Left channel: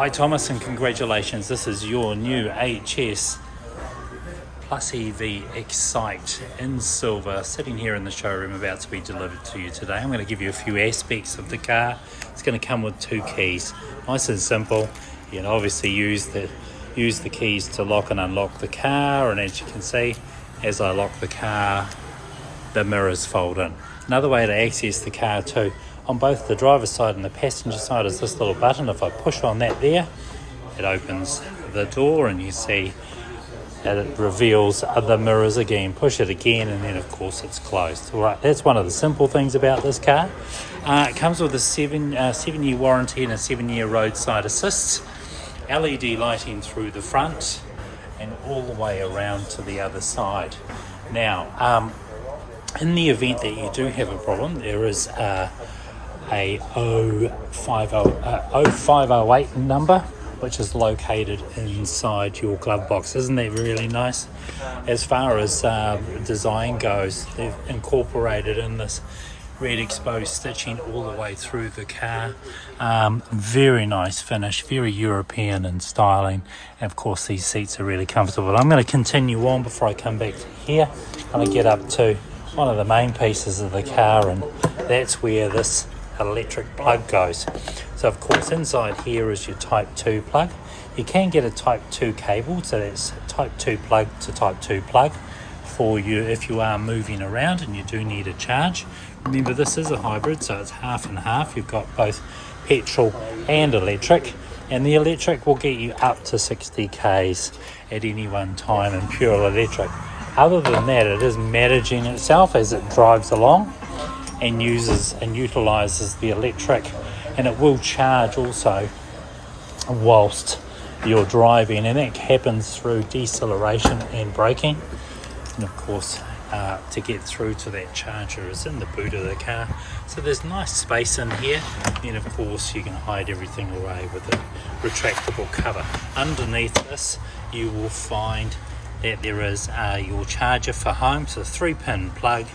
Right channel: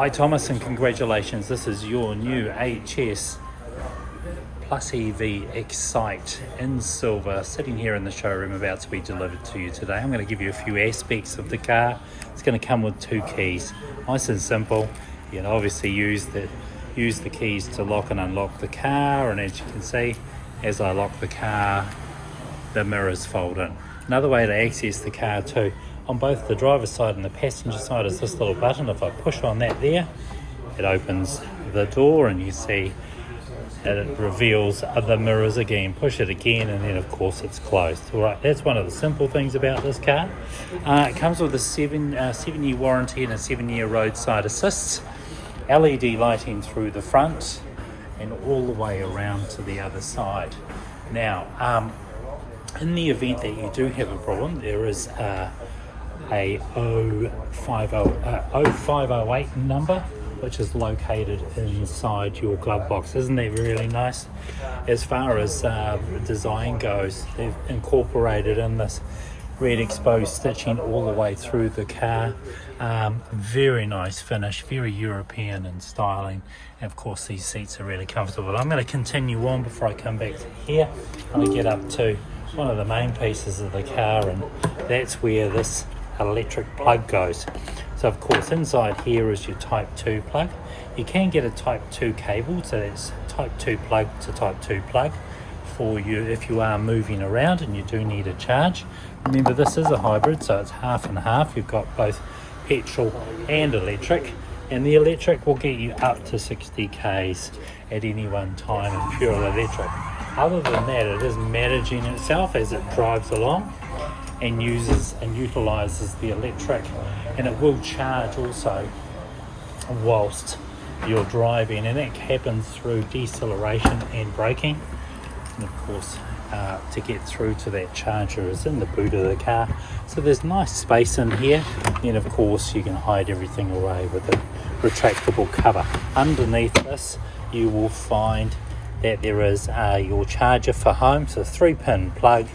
Hi Thomas, and congratulations. This is your new HS Plus EV Excite in silver, sitting here in the showroom about to be delivered to you today. I'm going to give you a few aspects of the car. It's going to come with 2 keys, nice and simple. You can obviously use the keys to lock and unlock the car, and as you can see, as I lock the car, the mirrors fold in. Another way to access the car too, on both the driver's side and the passenger side, is this little button. If I push on that there, it opens the door and you see that it reveals the mirrors again. Push it again and then of course it's closed. All right, that's one of the simple things about this car. It comes with a 7-year warranty and a 7-year roadside assist. LED lighting through the front and all the way around to the other side. Now, in the event that you do have a problem, there is a 0508 number, which is located inside your glove box. Isn't that really nice? As far as design goes, they've incorporated in this red exposed stitching all the way through the car. Very nice finish, very European in styling, and of course these seats are really comfortable. I'm going to continue on before I come back to here. I'm going to get up to one of the main pieces of the car, and that's where this electric plug goes. So of course inside here is your type 2 plug. You can get a type 2 cable, so that's type 2 plug to type 2 plug for you if you are moving around and you do need a charge. Remember, this is a hybrid, so it's half and half. You've got both petrol and electric, and the electric will get you up to 60 k's at any one time in pure electric. Other than that, it is managing itself as it drives along and uses and utilizes the electric, and it will charge also whilst you're driving, and that happens through deceleration and braking. And of course, to get through to that charger is in the boot of the car, so there's nice space in here. And of course you can hide everything away with a retractable cover. Underneath this you will find that there is your charger for home, so 3-pin plug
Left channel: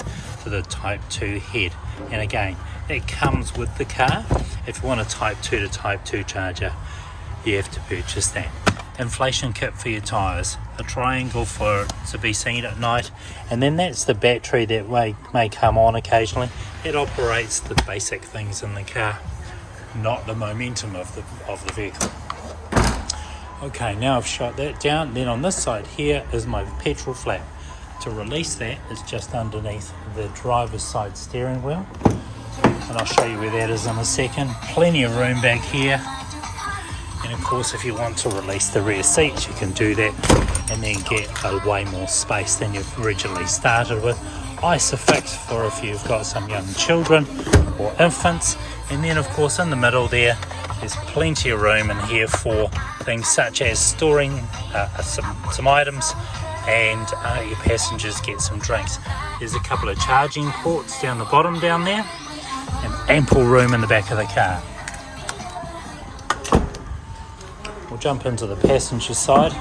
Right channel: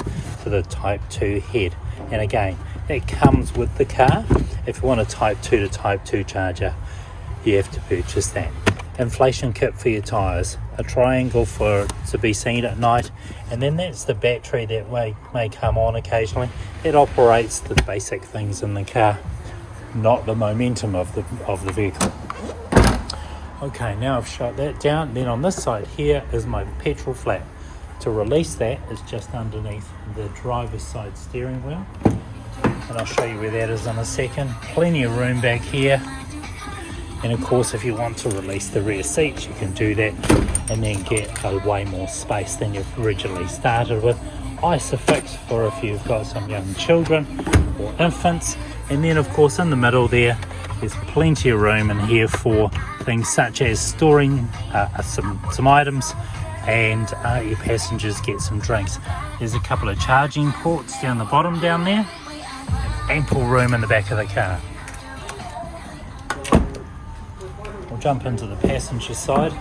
for the type 2 head, and again that comes with the car. If you want a type 2 to type 2 charger, you have to purchase that. Inflation kit for your tyres, a triangle for it to be seen at night, and then that's the battery that may come on occasionally. It operates the basic things in the car, not the momentum of the vehicle. Okay, now I've shut that down. Then on this side here is my petrol flap. To release that is just underneath the driver's side steering wheel, and I'll show you where that is in a second. Plenty of room back here, and of course if you want to release the rear seats you can do that and then get way more space than you've originally started with. Isofix for if you've got some young children or infants, and then of course in the middle there's plenty of room in here for things such as storing some items, and your passengers get some drinks. There's a couple of charging ports down the bottom down there, and ample room in the back of the car. We'll jump into the passenger side,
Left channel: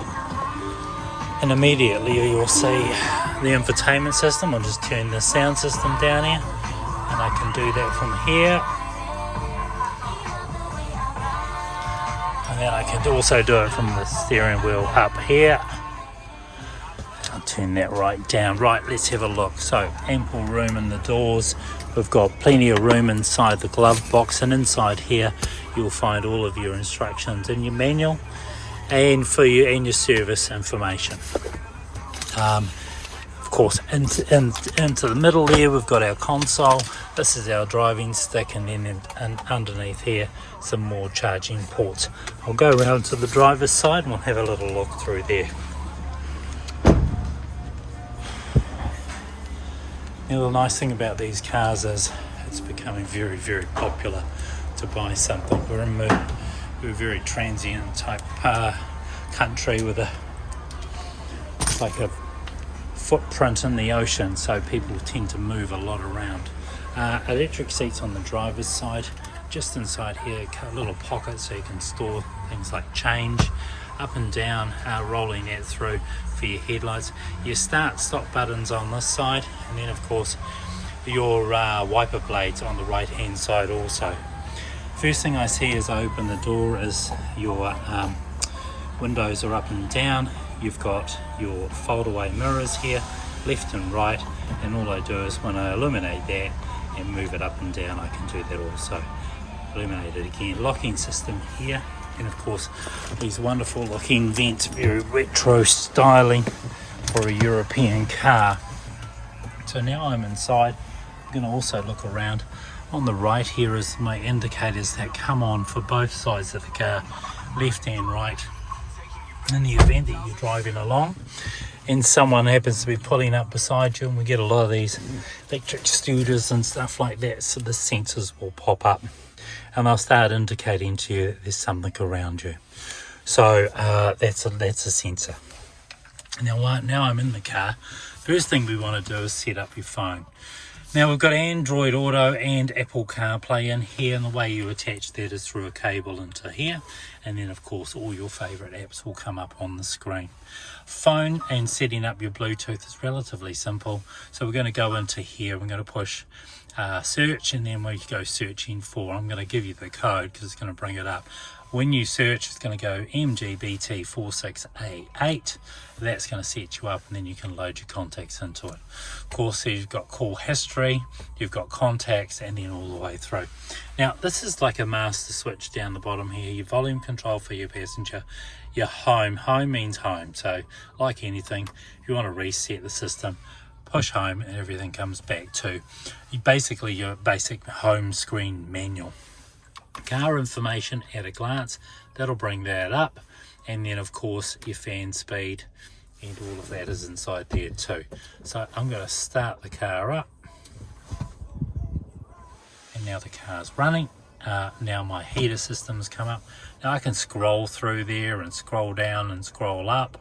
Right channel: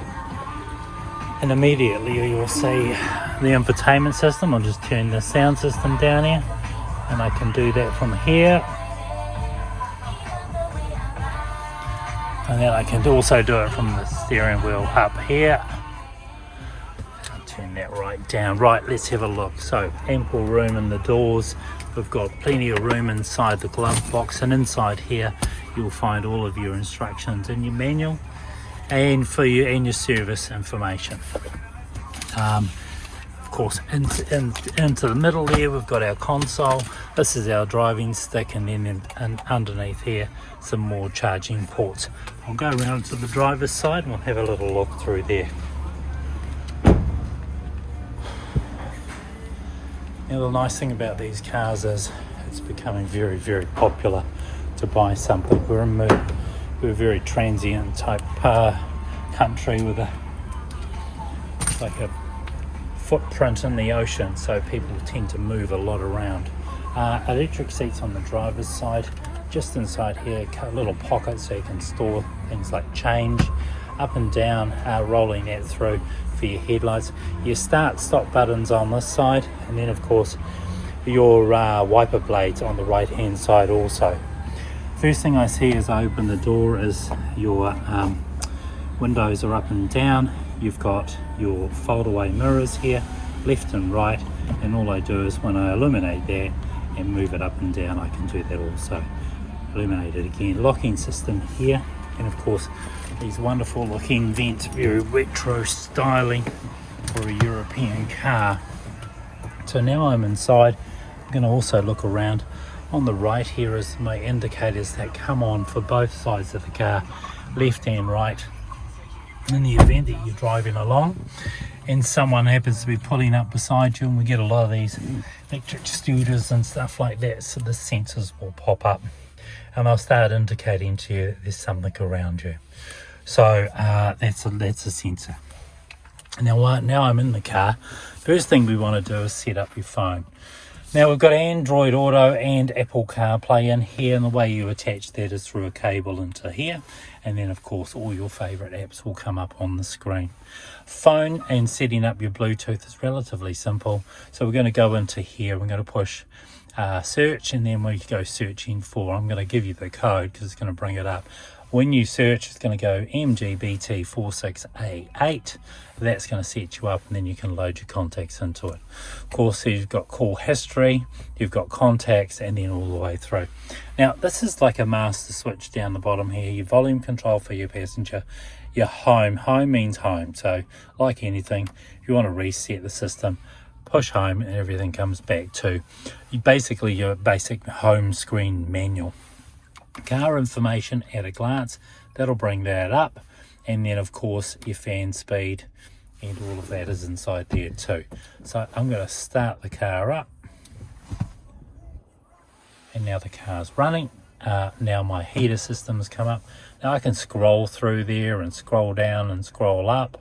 and immediately you'll see the infotainment system. I'll just turn the sound system down here, and I can do that from here. And then I can also do it from the steering wheel up here. I'll turn that right down. Right, let's have a look. So ample room in the doors. We've got plenty of room inside the glove box, and inside here you'll find all of your instructions in your manual and for you and your service information. Of course, into the middle there we've got our console. This is our driving stick, and then underneath here some more charging ports. I'll go around to the driver's side and we'll have a little look through there. Now the nice thing about these cars is it's becoming very, very popular to buy something. We're a very transient type country with it's like a footprint in the ocean, so people tend to move a lot around. Electric seats on the driver's side. Just inside here, a little pocket so you can store things like change. Up and down, rolling that through for your headlights. Your start-stop buttons on this side, and then of course your wiper blades on the right-hand side also. First thing I see as I open the door is your windows are up and down. You've got your fold away mirrors here, left and right, and all I do is when I illuminate that and move it up and down, I can do that also. Illuminate it again. Locking system here, and of course these wonderful looking vents, very retro styling for a European car. So now I'm inside. I'm going to also look around. On the right here is my indicators that come on for both sides of the car, left and right. In the event that you're driving along and someone happens to be pulling up beside you, and we get a lot of these electric scooters and stuff like that, so the sensors will pop up and they'll start indicating to you that there's something around you. So that's a sensor. Now I'm in the car. First thing we want to do is set up your phone. Now we've got Android Auto and Apple CarPlay in here, and the way you attach that is through a cable into here, and then of course all your favorite apps will come up on the screen. Phone and setting up your Bluetooth is relatively simple. So we're going to go into here, we're going to push search, and then we go searching for, I'm going to give you the code because it's going to bring it up. When you search, it's going to go MGBT46A8. That's going to set you up, and then you can load your contacts into it. Of course, you've got call history, you've got contacts, and then all the way through. Now, this is like a master switch down the bottom here. Your volume control for your passenger, your home. Home means home. So, like anything, if you want to reset the system, push home, and everything comes back to your basic home screen manual. Car information at a glance, that'll bring that up, and then of course your fan speed and all of that is inside there too. So I'm going to start the car up, and now the car's running. Now my heater system has come up. Now I can scroll through there and scroll down and scroll up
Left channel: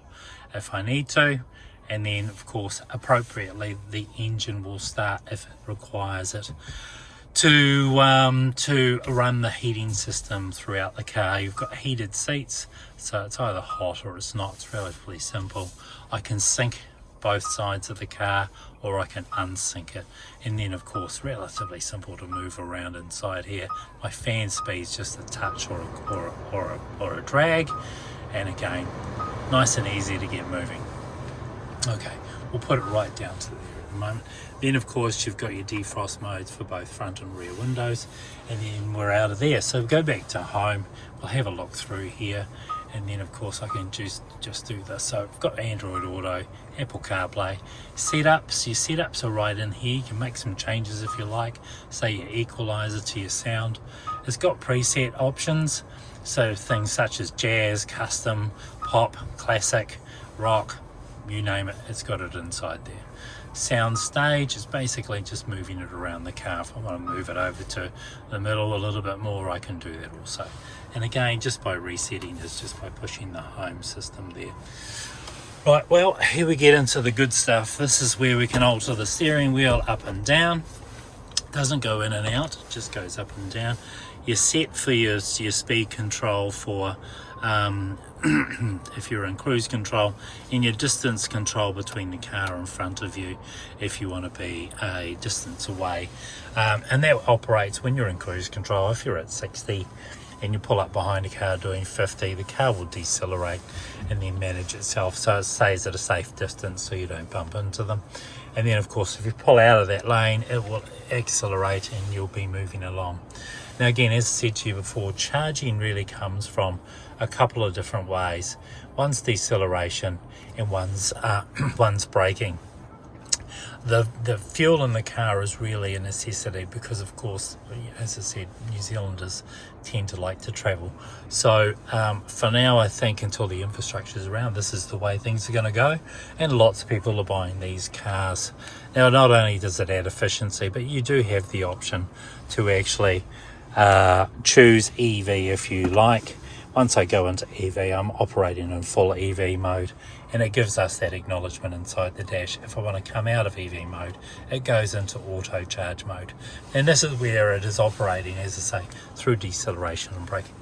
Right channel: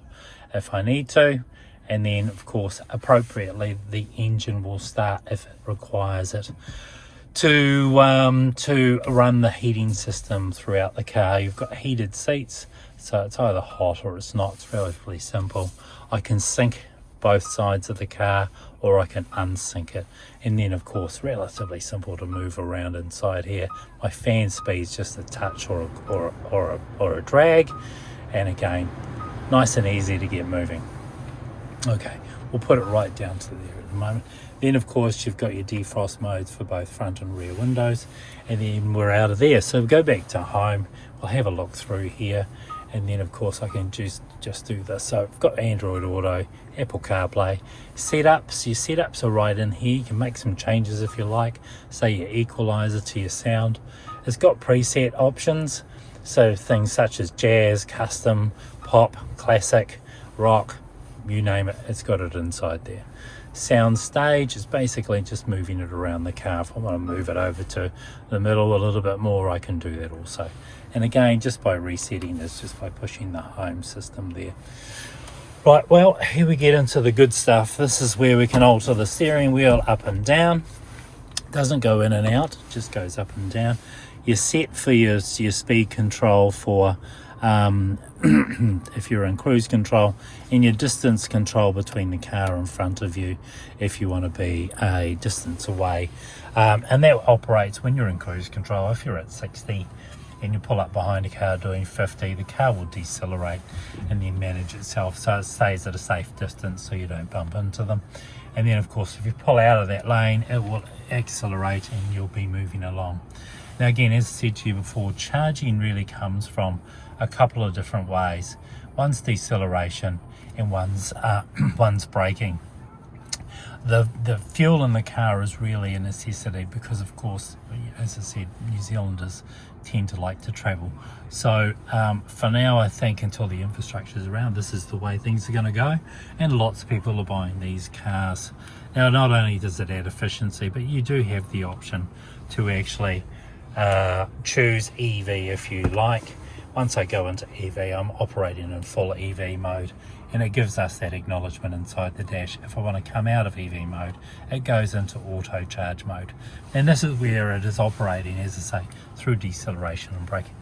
if I need to, and then of course appropriately the engine will start if it requires it to run the heating system throughout the car. You've got heated seats, so it's either hot or it's not. It's relatively simple. I can sync both sides of the car, or I can unsync it, and then of course relatively simple to move around inside here. My fan speed's just a touch or a drag, and again nice and easy to get moving. Okay, we'll put it right down to there at the moment. Then of course you've got your defrost modes for both front and rear windows, and then we're out of there. So go back to home, we'll have a look through here, and then of course I can just do this. So I've got Android Auto, Apple CarPlay, setups. Your setups are right in here. You can make some changes if you like, say your equalizer to your sound. It's got preset options, so things such as jazz, custom, pop, classic, rock, you name it, it's got it inside there. Sound stage is basically just moving it around the car. If I want to move it over to the middle a little bit more, I can do that also. And again, just by resetting this, just by pushing the home system there. Right, well, here we get into the good stuff. This is where we can alter the steering wheel up and down. Doesn't go in and out, it just goes up and down. You're set for your speed control for if you're in cruise control, and your distance control between the car in front of you if you want to be a distance away, and that operates when you're in cruise control. If you're at 60 and you pull up behind a car doing 50, the car will decelerate and then manage itself so it stays at a safe distance so you don't bump into them. And then of course if you pull out of that lane, it will accelerate and you'll be moving along. Now again, as I said to you before, charging really comes from a couple of different ways. One's deceleration and one's braking. The fuel in the car is really a necessity because of course, as I said, New Zealanders tend to like to travel. So for now, I think until the infrastructure is around, this is the way things are going to go, and lots of people are buying these cars. Now not only does it add efficiency, but you do have the option to actually choose EV if you like. Once I go into EV, I'm operating in full EV mode, and it gives us that acknowledgement inside the dash. If I want to come out of EV mode, it goes into auto charge mode. And this is where it is operating, as I say, through deceleration and braking.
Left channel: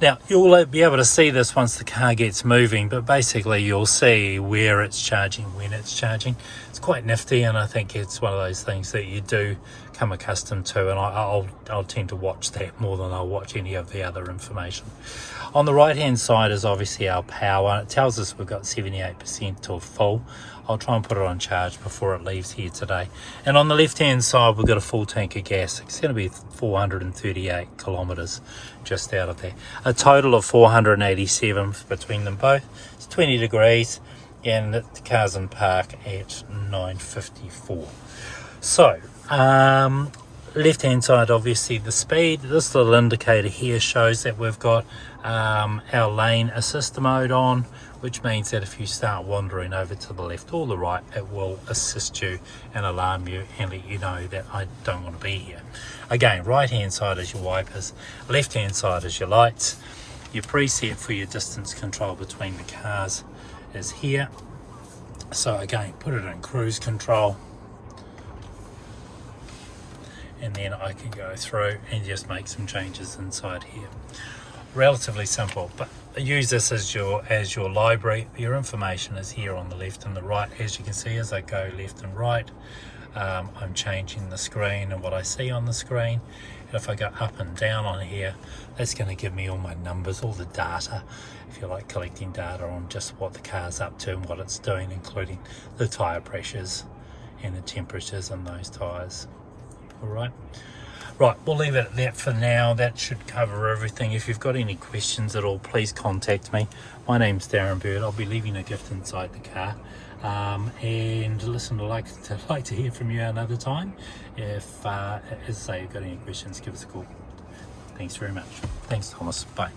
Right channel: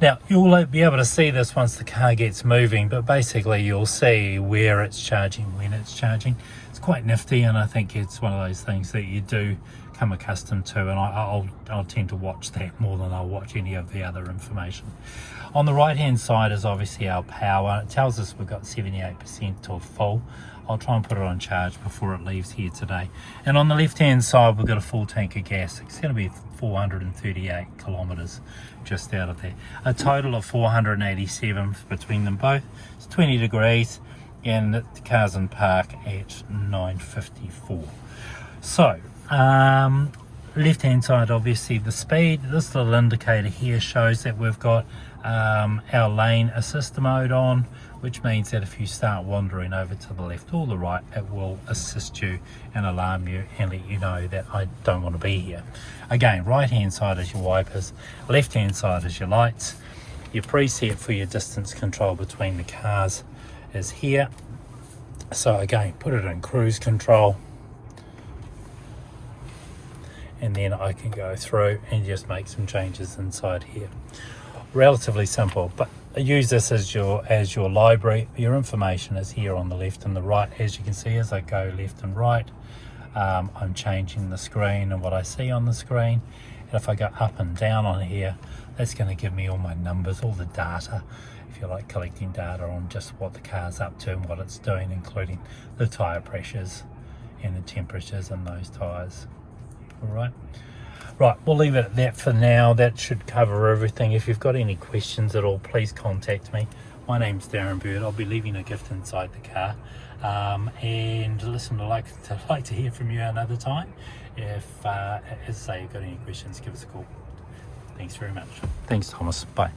Now, you'll be able to see this once the car gets moving, but basically you'll see where it's charging, when it's charging. It's quite nifty, and I think it's one of those things that you do become accustomed to, and I'll tend to watch that more than I'll watch any of the other information. On the right hand side is obviously our power. It tells us we've got 78% till full. I'll try and put it on charge before it leaves here today. And on the left hand side we've got a full tank of gas. It's going to be 438 kilometres just out of there. A total of 487 between them both. It's 20 degrees and the car's in park at 9:54. So left hand side, obviously the speed. This little indicator here shows that we've got our lane assist mode on, which means that if you start wandering over to the left or the right, it will assist you and alarm you and let you know that I don't want to be here. Again, right hand side is your wipers, left hand side is your lights. Your preset for your distance control between the cars is here. So again, put it in cruise control, and then I can go through and just make some changes inside here. Relatively simple, but use this as your library. Your information is here on the left and the right. As you can see, as I go left and right, I'm changing the screen and what I see on the screen. And if I go up and down on here, that's going to give me all my numbers, all the data, if you like, collecting data on just what the car's up to and what it's doing, including the tyre pressures and the temperatures in those tyres. All right. Right, we'll leave it at that for now. That should cover everything. If you've got any questions at all, please contact me. My name's Darren Bird. I'll be leaving a gift inside the car. And listen, I'd like to hear from you another time. If, as I say, you've got any questions, give us a call. Thanks very much. Thanks, Thomas. Bye.